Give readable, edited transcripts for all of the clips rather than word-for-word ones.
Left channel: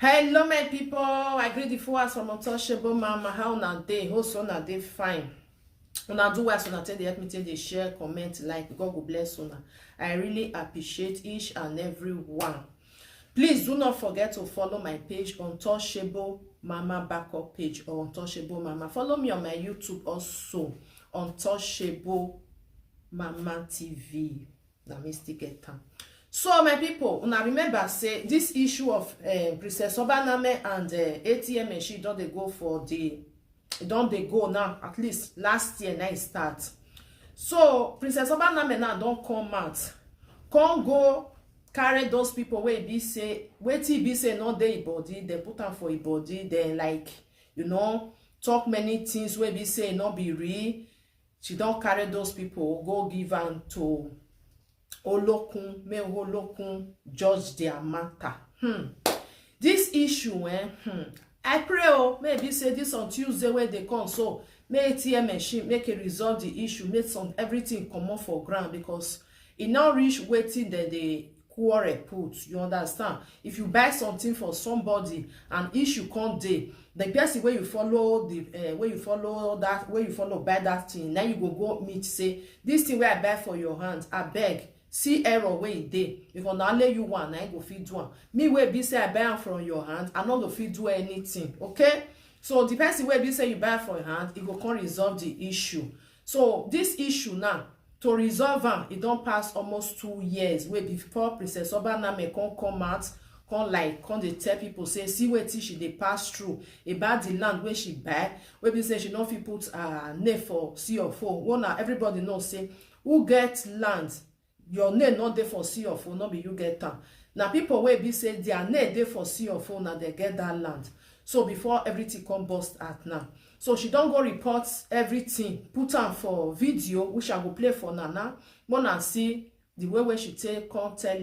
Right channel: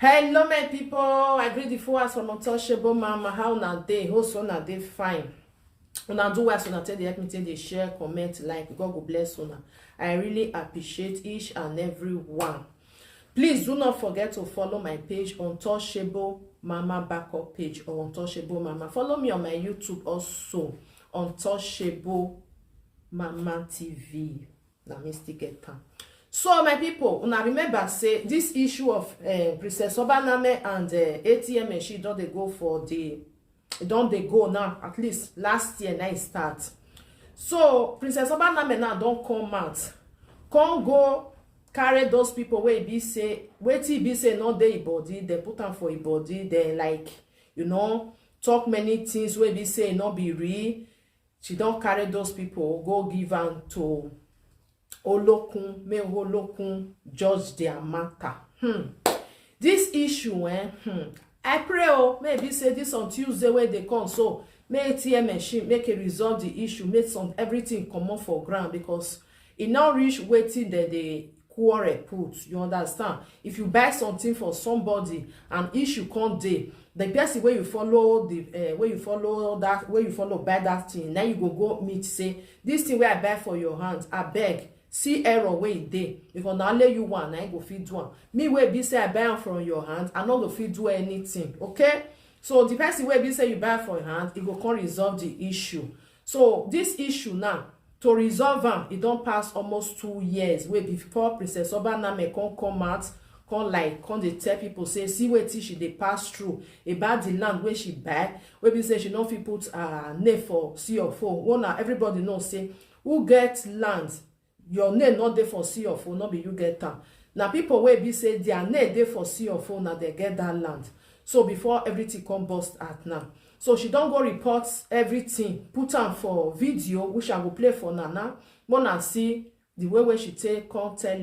Hello my people, I greet the followers from Untouchable Mama. How una dey? Hope so una dey fine. Una do well, so una take dey help me, take dey share, comment, like. God go bless una. I really appreciate each and every one. Please do not forget to follow my page, Untouchable Mama backup page, or Untouchable Mama. Follow me on my YouTube also, Untouchable Mama TV. Na me still get time. So my people, una remember say this issue of Princess Obanamen and ATM machine don dey go for the don dey go now, at least last year now it start. So Princess Obanamen now don come out, come go carry those people wey be say wetin be say no dey body, they put am for body, then like talk many things wey be say no be real. She don carry those people go give am to Olokun, may Olokun judge their matter. This issue, I pray maybe say this on Tuesday where they come, so may ATM machine make a resolve the issue, make some everything come up for ground, because it now reach waiting that they quarrel put. You understand? If you buy something for somebody and issue come day, the person where you follow the where you follow buy that thing, now you go meet say this thing where I buy for your hands, I beg. See error where it dey, because now let you one, I go fit do am. Me where be say I buy am from your hand, I not go fit do anything. Okay, so the person where be say you buy from your hand, it go come resolve the issue. So this issue now, to resolve am, it don't pass almost 2 years. Where before Princess Obanamen come out, come dey tell people say see wetin she dey pass through about the land where she buy, where be say she no fit put name for CFO. One now everybody know say who get land, your name not there for CFO, not be you get am. Now people wey be say their name there for CFO, now they get that land. So before everything come bust out now, so she don't go report everything, put am for video, which I go play for Nana. Wanna see the way she take come tell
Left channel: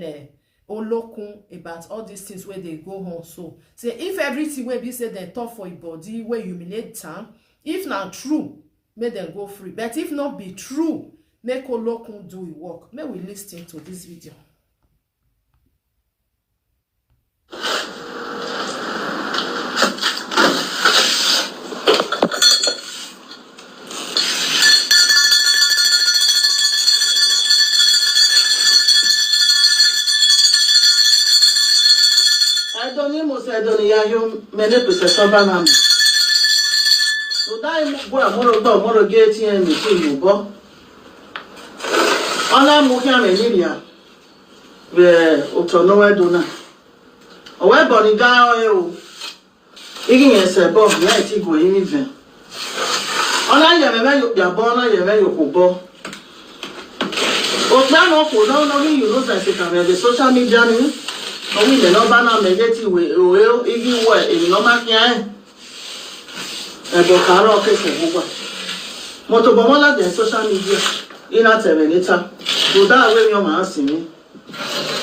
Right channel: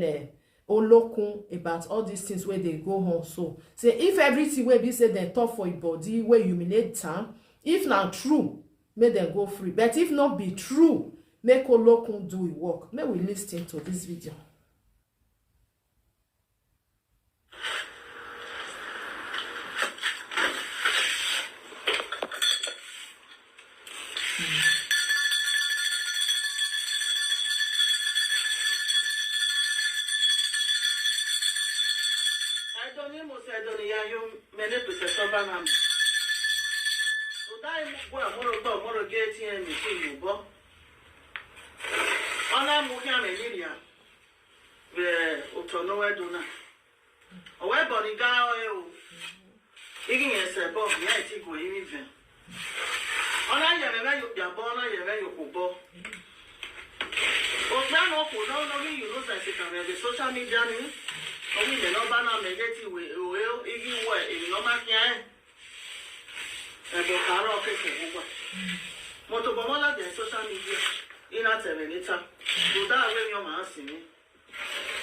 Olokun about all these things where they go home. So say if everything wey be say they talk for your body, where humiliate time, if not true, make them go free. But if not be true, make Olokun do his work. May we listen to this video. I don't many Princess Obanamen. So that more get here and you go. Ona mukia meniria we otonowe dona owe boni ga o igi yen se bo ya ti go yin even ona ye me yo ya bo na ye me yo ko bo o plan o ko no you know say can the social media ni o mi le no ba na me get we o igi we e no ma kian e bo karo ke se gbo mo to bo mo la the social media ina terminator to that way your man see me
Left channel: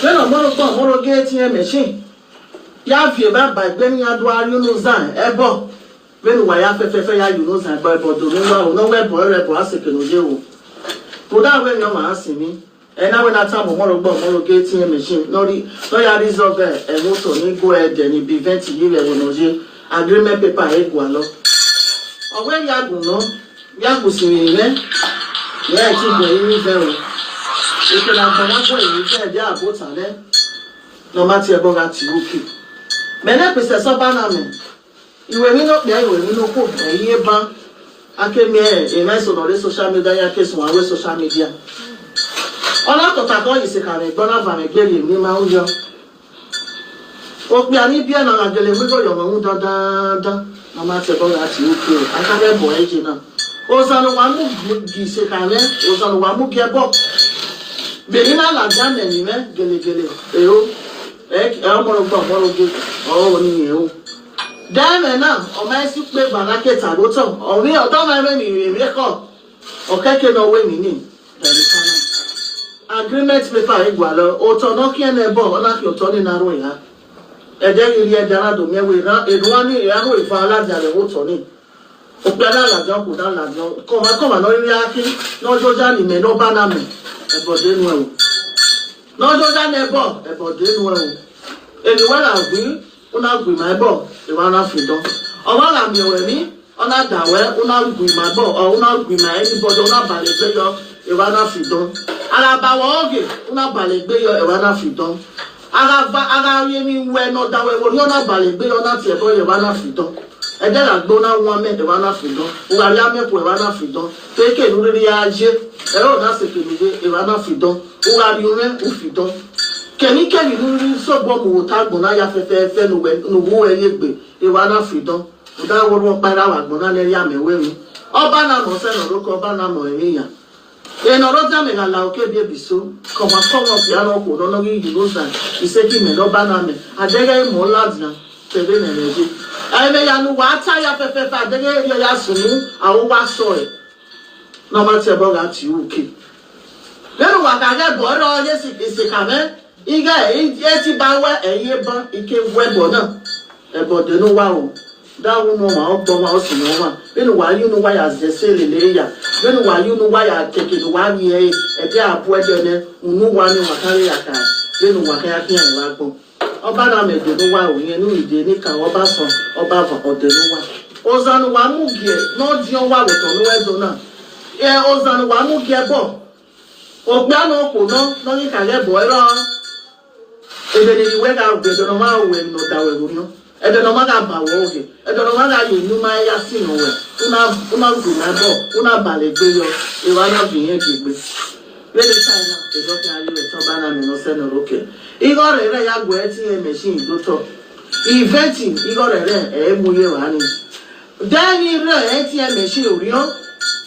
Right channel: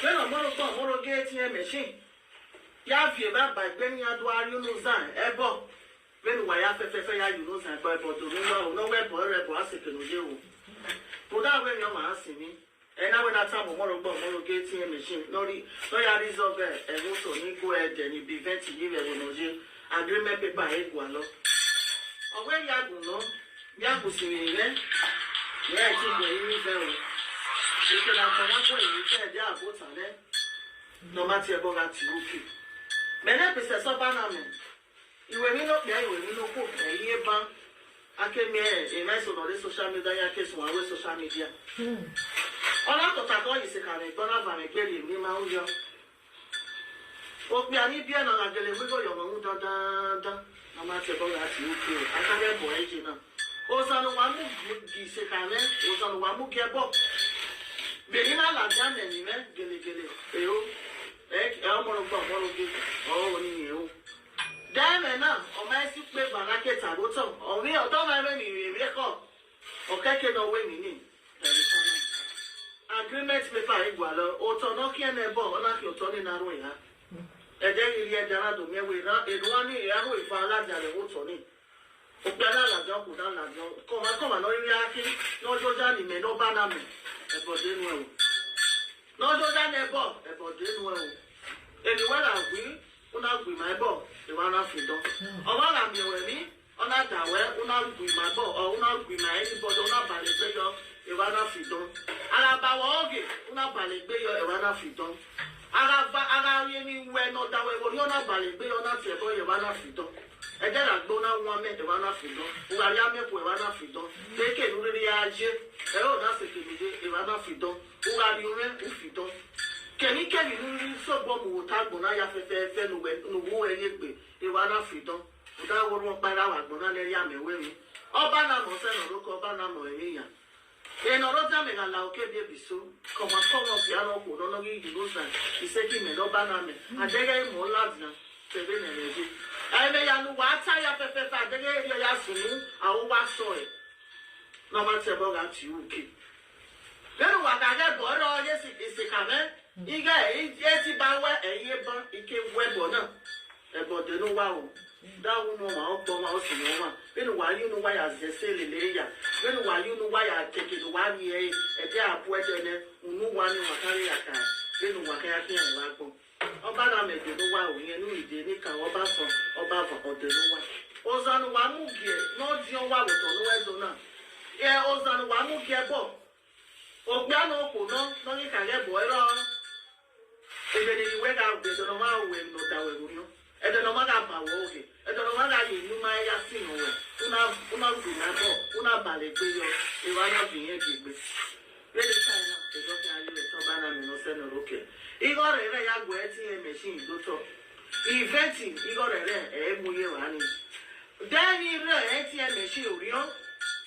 when o moro get ATM machine ya fi ba gbeni adu you know zan ebo when wa ya fefe ya you know zan ba do mi wa no we bo aseke no je wo to that way your man see me and now when that time moro get ATM machine no ya resolve e moto ni go ahead and prevent you we no je agreement paper e go alo o we ya go no ya go si me yeah, it's going very. If you have one way, you can get a boat on there. No matter about you, okay. Many Princess Obanamen, you will not there, you will not cook a year bank. I came here, a nice on the social media case, one way social media. All out of that, is a kind of Donovan, a girl in Mimauja. We are not being on a girl, we go your own da. No matter about you, okay. I can't have boy, you know. Ozano wamu gise kane, ozano wamu gebo. Benina la jane ni me gele. Eyo, moro ge. Oh ni eyo. Dame na, o ma si pe banake tagoto. O mi o do ma me mi ko. O keke no we ni. Agreement paper egwalo, o to no ki ene bo, ona ki o to ni na ro ya. E de iri e dara do me we ran, e do ani e ro ifa alajare o to ni. Opiala la jan ko dan la jan koma no ri aki no joja ni me no Obanamen e bode nu e no joja ne bo e bode nu e eni wa la wi una gwi my bo e wana freedom owa mi we mi ona dawe una gwi my bo or una gwi my anybody una balegbe yo e wana freedom ara ba wo oge una balegbe yo e wana freedom ara ye mi we no dawe wo una balegbe yo na tie bo e wana freedom e de la gbo na won me e wana freedom o ga ya me ko e wana freedom teke nu ri aje e o na se ke ni e wana freedom o ga ri o me o freedom kẹ́ni lórí sọ́gbọ́n mò tá gbọ́n náà ya fẹ́fẹ́ nùwó ẹyẹgbẹ́ ìwà náà freedom ọ̀dà wọ́rọ́ pàrọ̀ àwọn àgbọ̀n náà lẹ́rí àmẹ́wé mi ọba náà mọ̀ sẹ́nà lóko ọba náà mọ̀ ẹ̀mí yàn èèyàn ọ̀rọ̀ jámẹ̀ là òkè bí ebi so kọ̀wá kọ́wọ́ piano kò lọ́nà rí ìlú sàn ìṣèkì mẹ́ lọ́ba náà mẹ́ àdẹ́gẹ́ ìmọ̀ ládìnà tẹ̀lé nẹ̀rẹ̀dẹ́ ẹ̀mẹ́yanu wà á táyà fẹ́fẹ́ àdẹ́gẹ́ yọ̀yà sùnmù àwọn wá sọ ẹ̀ náà má tẹ̀ bọ́ọ̀gà tì í òkè lẹ́nu wà kàkẹ́ bọ̀ ọ̀rọ̀ yẹ́sì ìsìnkàmẹ́ iga eti bawe eye ban ike webo na ebo de no wa o da wo no ma ogbo ma o si no wa benu wa yu no wa ya zese lele ya benu wa yu no wa ya teke no wa ni e de abu ede ne unu wa ni wa kare ya ka benu wa ka ya ki an wa gbo oba na me de no wa o yen ni ide ni kan oba so oba va o de no wa ozanu wa mu gie no di o wa wo to no ezo na ozanu wa mu gie bo ogba no ko no ni ka le bo ero ebe ni we ga be do no ma we no da we no ebe no ma ga ba wo oge ebe no ma ga yi nu ma ya si no we una gu na bo una balegbe yo e wa na bi yen gbegbe we dey China e go kan ayi we to ba na me no se no roke igo re ya gbo ATM machine do to eventing igo re e mu ye wa ni then re ATM machine ori o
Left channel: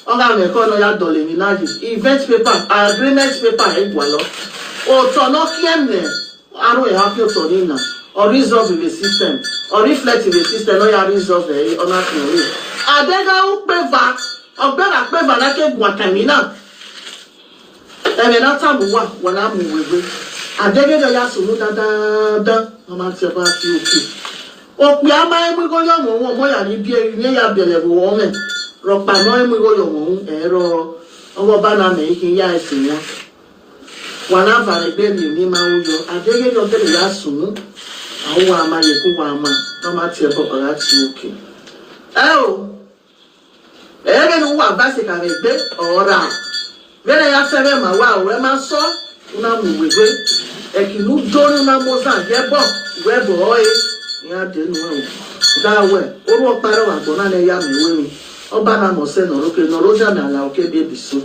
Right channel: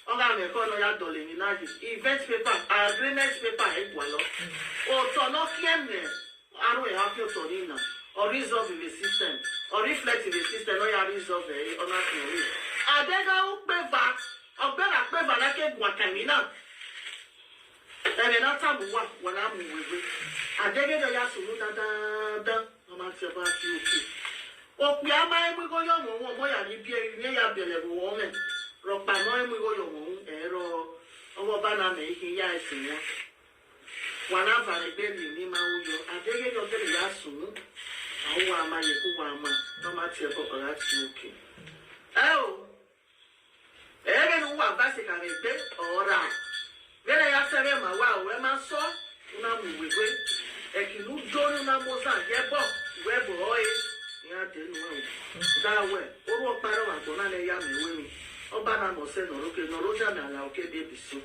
oga me ko no ya dole mi na ji event paper agreement paper e gwa lo o to no kieme aro e happy to nina or resolve the system or reflect the system no ya resolve e ona tin adega u peva ogbera peva na ke gwa kamina e me na tabu wa wona mu wewe adege do ya sunu da no ma ti ba ti oke o pe ama e mu go yo mo ya ni bi e ni ya bele bo wo me ro pa no e mu go yo mo ero owo bana me kin ya esin ya wana vale beli ni ma uyo adege yo tele ya sunu awu ama ye ku wa ama no ma ti e bo ora ti oke ebe ni wa ba se ka gbe ora vele ya sebe ma wa we ma so una mu wewe e ki nu do na moza ye bo we bo oye ya de nu we da we oru opare wa gbo na le ya me we mi oba na mo se no roke no roja na la oke be biso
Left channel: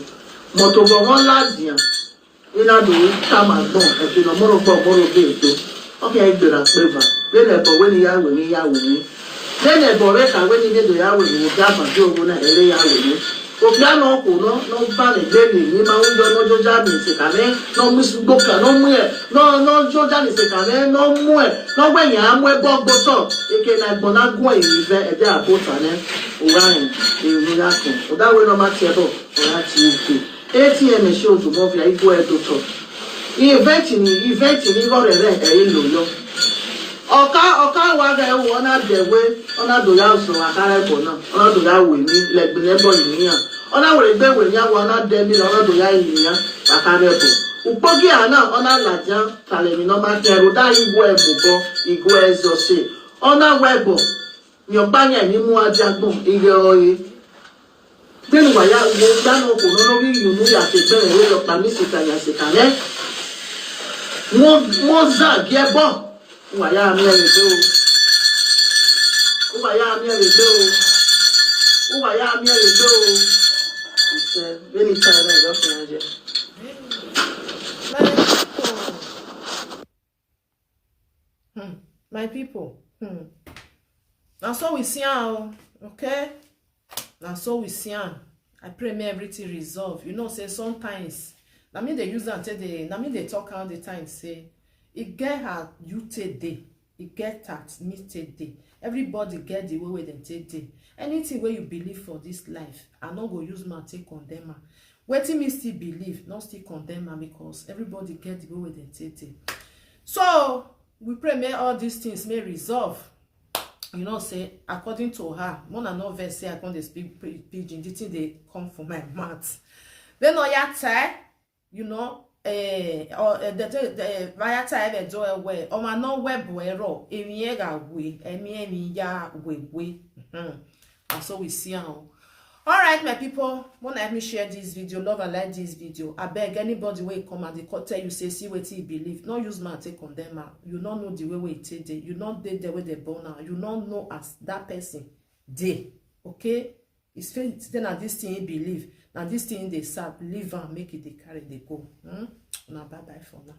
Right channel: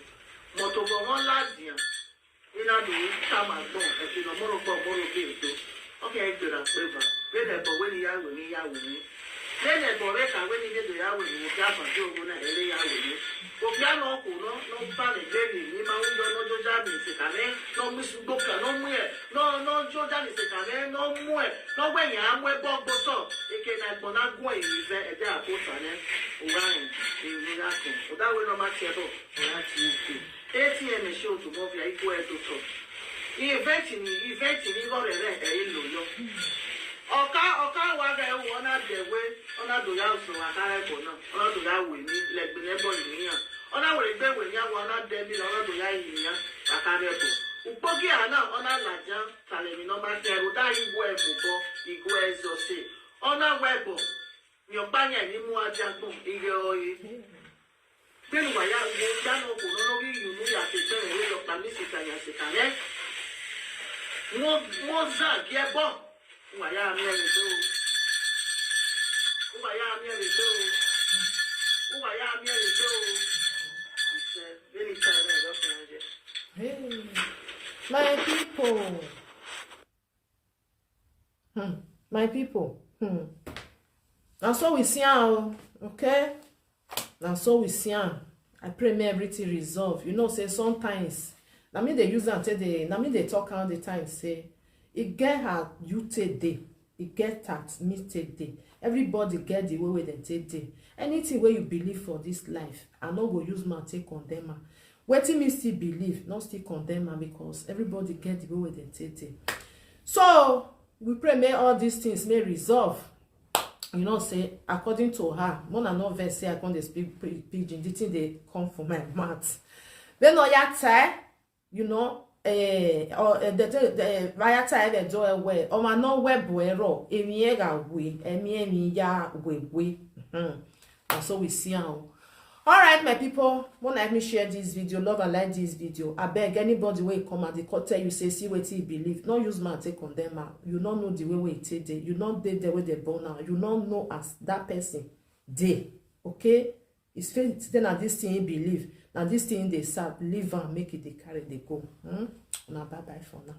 moto bo won ladian ina do ta ma gbon e ki no moro be to oke e gbera peva vele bo we ni ya we ni lene bo re ka we ni do ya we ni ga ba jo go na ere ya we ni o piano ko no ba le gbe ni ma un jo no jo ja mi se ka me no mu su gbo ka no mu e no jo ja ni se ka me no mu e no gbe yan mu e bo gbo so eke na gbo na gun e ni fe e de abota ne o ra en e ni la ko o da we no ma ti e bo o ra ti o ATM show to mo fi ai go e do to event ni go re e lo yo ọ̀ká wa ga ewu ona dewe ona do ya so akara ebo na ona do ya we ni legbe ebo iniyan ona we gbe we ya wa ona de mi ona do ya iniyan akara ebo upogi ana ona laja tale mi no ma keru da igwo ebo go igwo ezo se ona webo mi obanya ni mu ajagbon ige oye benu wa ya wo dano ko no ri yunu ya se bere we yo pa mi se ka ne mo za giebo Waya mi e do. Waya mi e do. Waya mi e do. Ise, beni tare lo fanje. My people. Now so we see how, okay? Now so we see how. I pray may everything resolve. You know, say sometimes, na me they use and say na me they talk all the time, say, it get her you take day, it get tax me take day. Everybody get the way they take day. Anything where you believe for this life, I no go use my take condemn her. Wetin me still believe, not still condemn her, because everybody get the way they take day. So we pray may all these things may resolve. You know, say according to her, Mona no verse say I can't speak pidgin. The thing they come from my mouth. Then no ya tell, you know. the via time do away o ma no web ero emi ga we emi ya we and so we see how. All right, my people, won't let me share this video. Love and like this video. I beg anybody wey come and they tell you say see what you believe. Not use man take condemn her. You don't know the way it take. You not dey the way they born now. You don't know as that person dey. Okay, it's faith. Then at this thing you believe. Now this thing they serve. Leave and make it they carry they go. Now bye bye for now.